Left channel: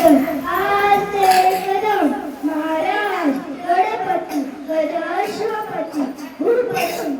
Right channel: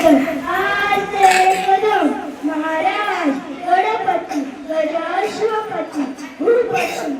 Thank you.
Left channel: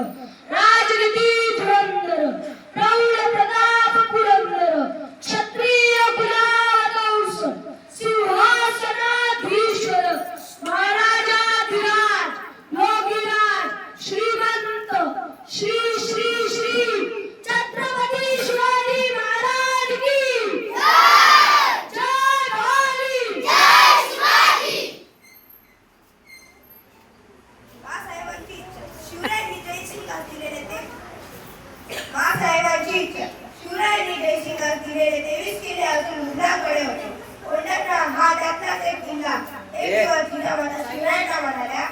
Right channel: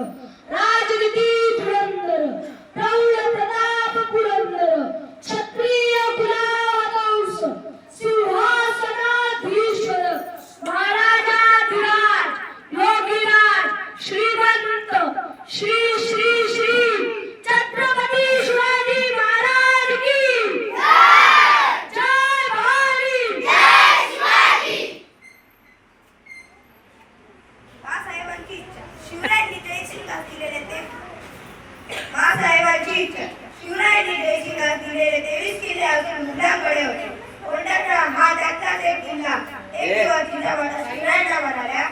Oh. दिलेले तेवीस किल्ले अजून मुलांकडे होते. कोंढाणा हा त्यातलाच एक किल्ला. एक दिवस जिजामाता शिवरायांना म्हणाल्या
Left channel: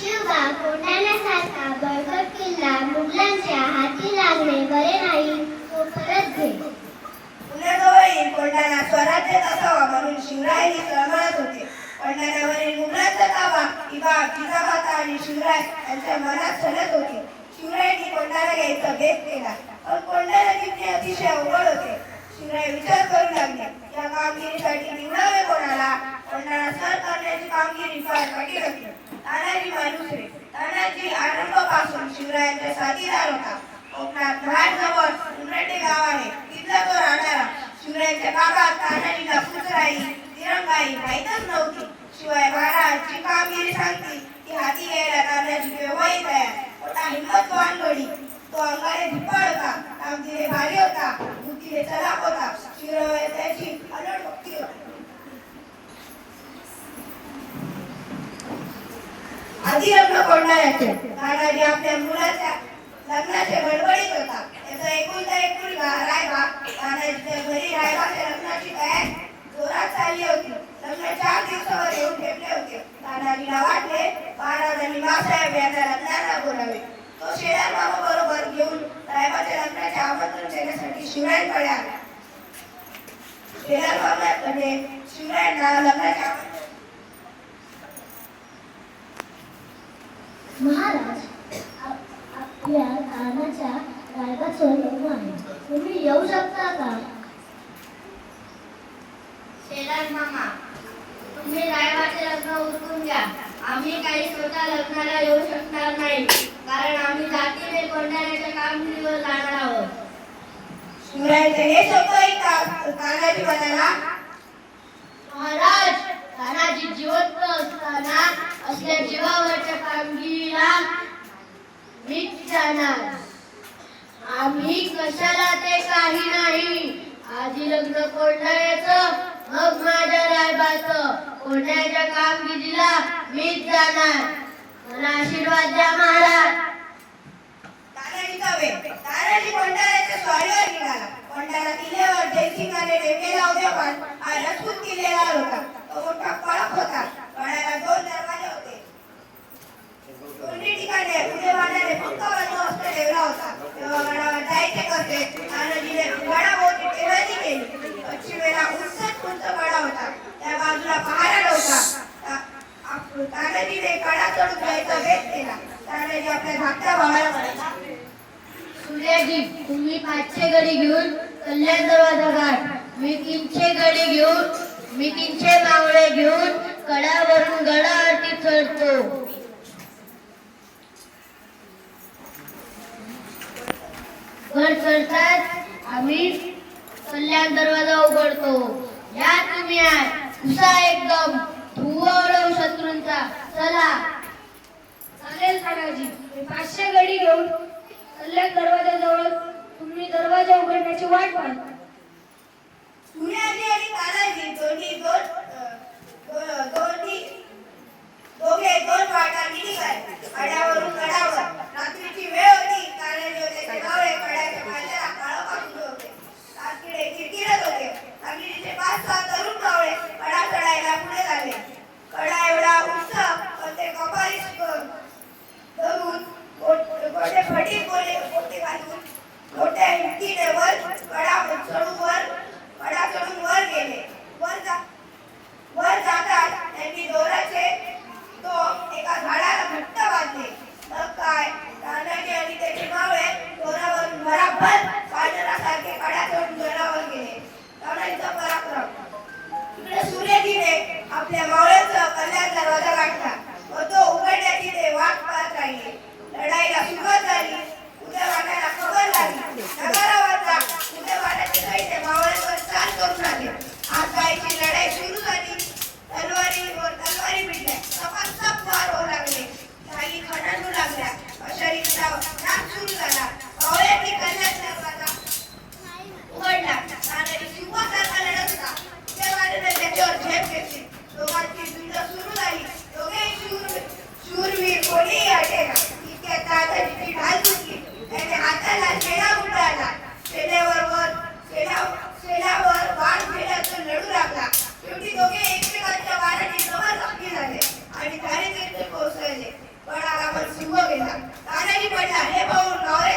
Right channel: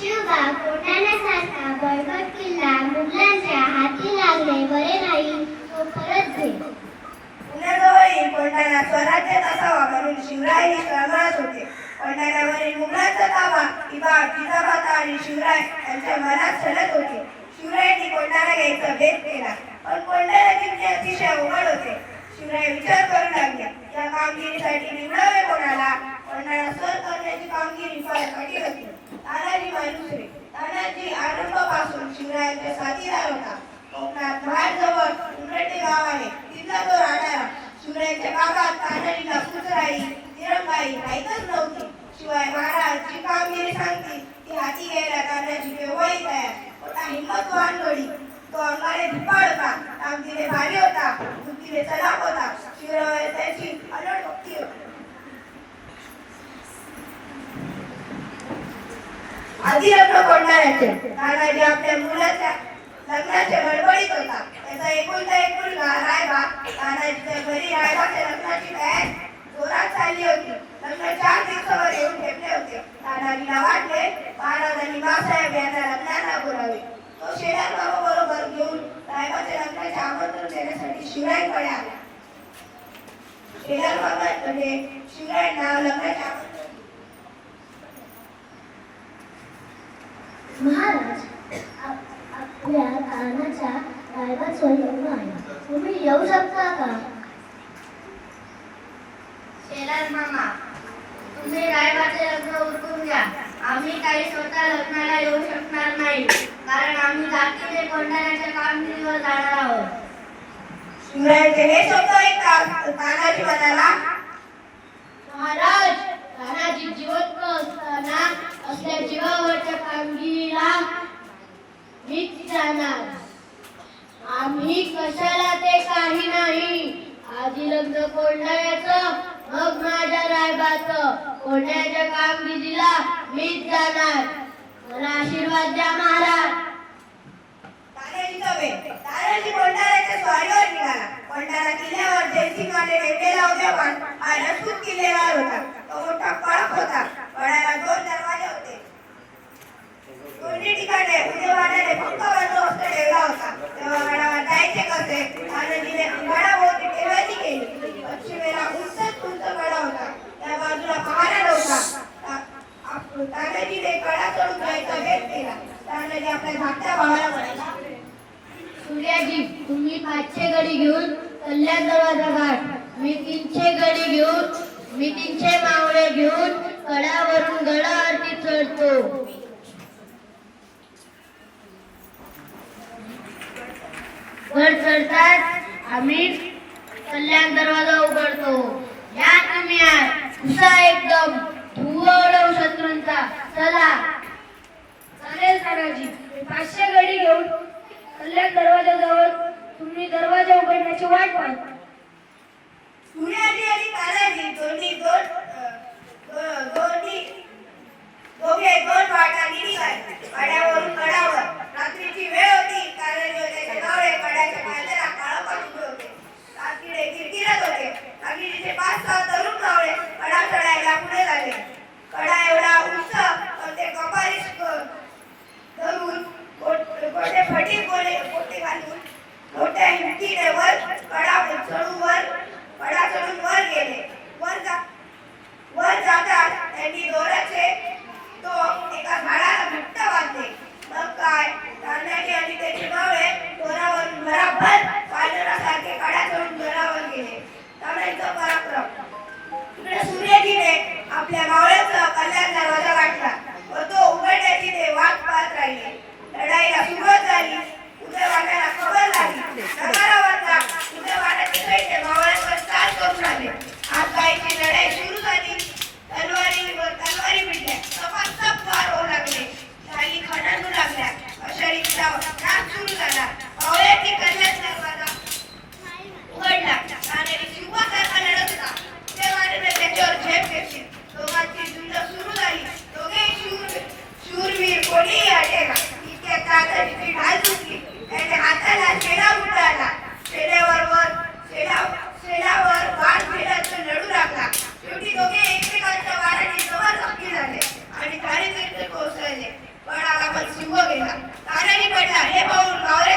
शिवबा कोंढाण्यासारखा बळकट किल्ला. मुघलांच्या हाती लागणे बरे नाही तो परत घे पुण्याजवळील कोंढाणा स्वराज्यात असावा म्हणून शिवराय ही तळमळत होते. कोंढाण्यावरील मुघलांचा ताबा किंवा जिजामाता आणि शिवराय यांच्या मनात चलत होते. शिवरायांनी कोंडाला घ्यायचा भेद केला. पण कोंढाणा जिंकणे अतिशय अवघड होते. शिवराय विचार करू लागले या कामगिरीसाठी निवडावे कोणाला? कोंडाला सर करण्याची कामगिरी फार कठीण होती. तानाजी मालुसरे तानाजी आरंभापासून शिवरायांचा साथीदार होता. कोकणात महाडजवळ उमरेटे गाव आहे. तिथला तो राहणारा शिवरायांच्या काका तानाजीला पुसराई तिरंगाई माहीतच नव्हती. शिवाय महाराजची कामगिरी सांगतील की हाती घ्यायला तानाजी केव्हाही तयार. होता हिंमतवान तो अंगाने धिप्पाड होता. कामगिरी भारी होता. बुद्धीने चलाक होता. शिवराय त्याची अलोट भक्ती होती. आधी लग्न कोंढाण्याचे तानाजी आपल्या मुलाच्या लग्नाचे गडबडीत होता. त्याचा एकुलता एक मुलगा रायबा. तानाजीच्या घरी रायबाच्या लग्नाची तयारी जोरात चालली होती. लग्न चार दिवसावर येऊन होते. वाटले महाराजांनी यांना बोलावे. तो बरोबर घेऊन आमंत्रण देण्यासाठी शिवरायांकडे आला. शिवरायांना आमंत्रण महाराज आप- आपल्या कानाच्या रायबाचं लग्न आहे. तुम्ही येऊ शकता का? शेलार मामा तुम्ही रायबाचे लग्न उरकून द्या आम्ही काही स्वतः लग्नाला येऊ शकणार नाही. कारण आम्ही जातीने कोंढाण्याच्या कामगिरीवर जाणार आहोत. शिवरायांचे हे शब्द ऐकता तानाजी म्हणाला महाराज तानाजी जिवंत असताना आपल्या जीवावरच्या कामगिरीला मीच जाणार. आम्ही कशाला ते काही नाही. आजी लग्न कोंढाण्याचं मग विश्वाचं कोंढाण्याच्या कामगिरीला मीच जाणार. मला आशीर्वाद द्या महाराज. तानाजीचा वेग तानाजी कोंढाण्याच्या स्वारीवर निघाला. कोंढाणा किल्ल्यावर जयसिंहाने नेमलेला होता हा रजपूत होता तो मोठा कळप होता कळाला दोन दरवाजे होते दोन्ही ठिकाणी पुढे वाड्याने पक्का बंदोबस्त ठेवला होता तेव्हा गडावर जायचे कसे तानाजीने गडाभोवती टेहळणी केली पश्चिमेला उंचच उंच कडा होता त्या बाजूला पहारा नव्हता ता- आप- तानाजीने कडा चढून जायचा भेद केला. तानाजी आपल्या धाकट्या भावाला म्हणाला सूर्याजी तुम्ही पाचशे गडी घेऊन कल्याण दरवाजा गाठ मी तीनशे गडी घेऊन मी तीनशे मावळे घेऊन कड्यावरून गडावरती चढतो. वर चढतात आम्ही कल्याण दरवाजा उघडतो. या तुम्ही एकदम धुवर होता चला. चालेल तानाजी. पाचशे गडी घेऊन कल्याण दरवाजाजवळ तुम्ही दरवाजा उघडण्याची वाट पाहता सूर्याजी आणि तानाजी. दोन्ही दोन अ, दोघे दोन वाटांनी निघाले कड्यावरून कडावर रात्रीची वेळ होती. तानाजी होते त्याचे कड्याच्या पायथ्याला काळं पाठवले होते रात्रीने किरकिरत होते रात्रीचे पाच सहा तरुण मावळे कडा चढायला पुढे झाले कडा एवढा उंच पण ते कपाळी धरून गोट- गोटे फटी बोले गोटे घालून मोठ्या हिमतीने वर कडा चढून वर कडा चढून वर गेले वर जा वर जातात त्यांनी दोराचे तो एका झाडाला घट्ट बांधले मग काय तानाजी आणि त्याचे मावळे दोरावर भराभर वानरासारखे कडा चढून दोरावर गेले तानाजीचा पराक्रम इकडे सूर्यजीने आपल्या मावळ्याचा कल्याण दरवाजा गाठला व तो उघडण्याची ते वाट पाहत राहिले लढाईला सुरुवात झाली उद्या वाटायला खबर झाली नगारा वाजला उद्या वाटाचे सैन्य मावळ्यावर चाल करून आले आकाईची लढाई सुरू झाली तलवारीवर तलवारी भिडल्या सपासप वार होऊ लागले काही खणांडू लागल्या अशा रिक्षा नाच सुरू झाला मावळ्यांनी कल्याण दरवाजा उघडला तानाजी सिंहासारखा लढत होता त्या वाटेने त्याच्यावर झेप घेतली दोघांची झुंज सुरू झाली दोघेही शूर शूरवीर कोणीही अटेना इतक्या तानाजीची ढाल सुटली त्याने हाताला शेडा गुंडाळला शेड्यावर वर शेडा शेडावर वाट फेडायचं लढू लागला शेवटी दोघे एकमेकांच्या वाराने जवळ जखमी झाले आणि दारिद्र्य कोसळले आला पण सिंह गेला तानाजी पडला हे पाहून कावरे